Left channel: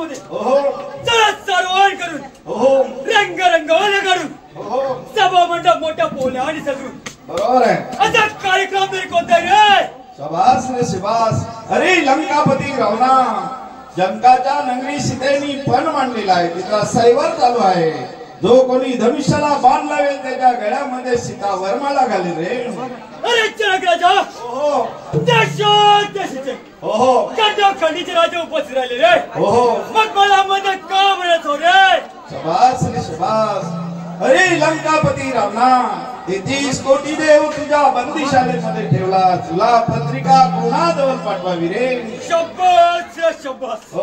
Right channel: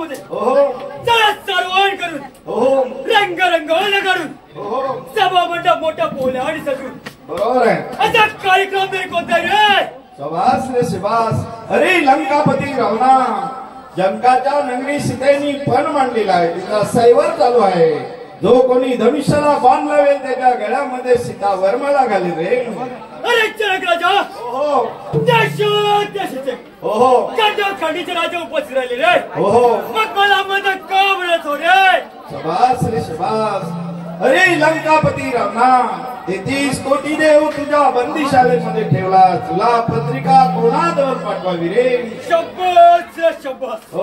रंगामध्ये चला सर्वान करून रंगरंगोळ काढून सभा मंडप मोठ्या पोल्या आणि सजून बरोबर आहे असा कार्यक्रम तरी कोणता रे शबास रे शबास अरे लंकापती रावणा जंकाच्या नगरी सीतेनी पण मांडलेला आहे तिचा सैवर चालू आहे जो कोणी धनुष्याला बाण लावेल त्याच्या गळ्यामध्ये सीता वरमाला घाली रे अरे जनक राजा देशाचे खंडीचे राजा उपस्थित राहिले रे मग मला मदत का मिळत हो रे शबास रे शबास अरे लंकापती रावणा 33 कोटी देव तुझ्या बंदिशालेमध्ये ठेवला तुला पत्रिका कोणाजवळ पाठवावी रे शब्बास शब्बास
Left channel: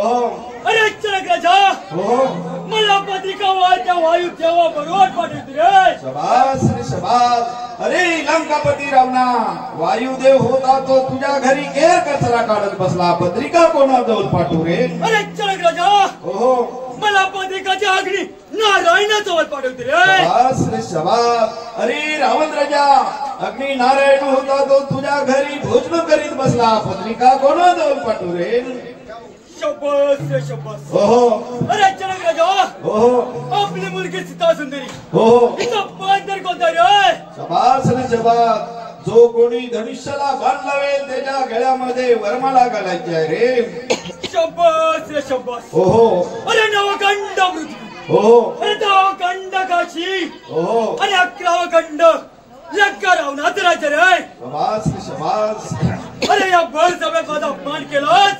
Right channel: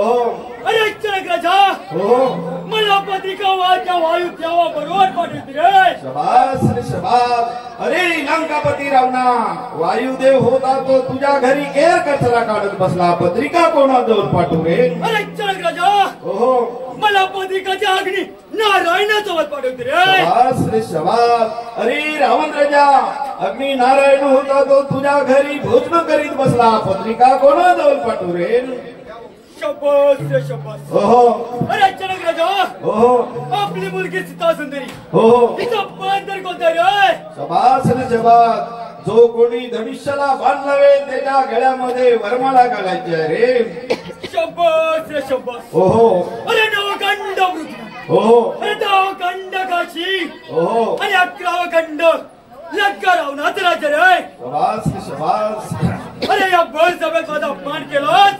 अरे जनक राजा मला पत्रिका वायू तेव्हा बरोबर पाठवते रे शबास रे शबास अरे लंकापती रावणा वायुदेव होता तो तुझ्या घरी केर कचरा काढत बसला पत्रिका कोणाजवळ पाठवू रे अरे जनक राजा मला पत्रिकाची अग्नी नारायणाजवळ पाठवते रे शबास रे शबास अरे रावण राजा अग्नी नारायण होता तो तुझ्या घरी भोजन करीत बसला पत्रिका कोणाजवळ पाठवू रे शब्बास रे शब्बास अरे जनक राजा आपली मुलगी सीता सुंदरी तिचा पांढर कोणता रे शबास रे शबास जो कोणी धनुष्याला बाण लावेल त्याच्या गळ्यामध्ये वरमाला घालायची आहे रे शब्बास रे शब्बास अरे नवखंड पृथ्वी अरे दहाखंड काशी आणि 11 खंड लंका रावणाचं राज्य रे शबास रे शबास अरे या बळ सगळ्यात माझा अपमान केलास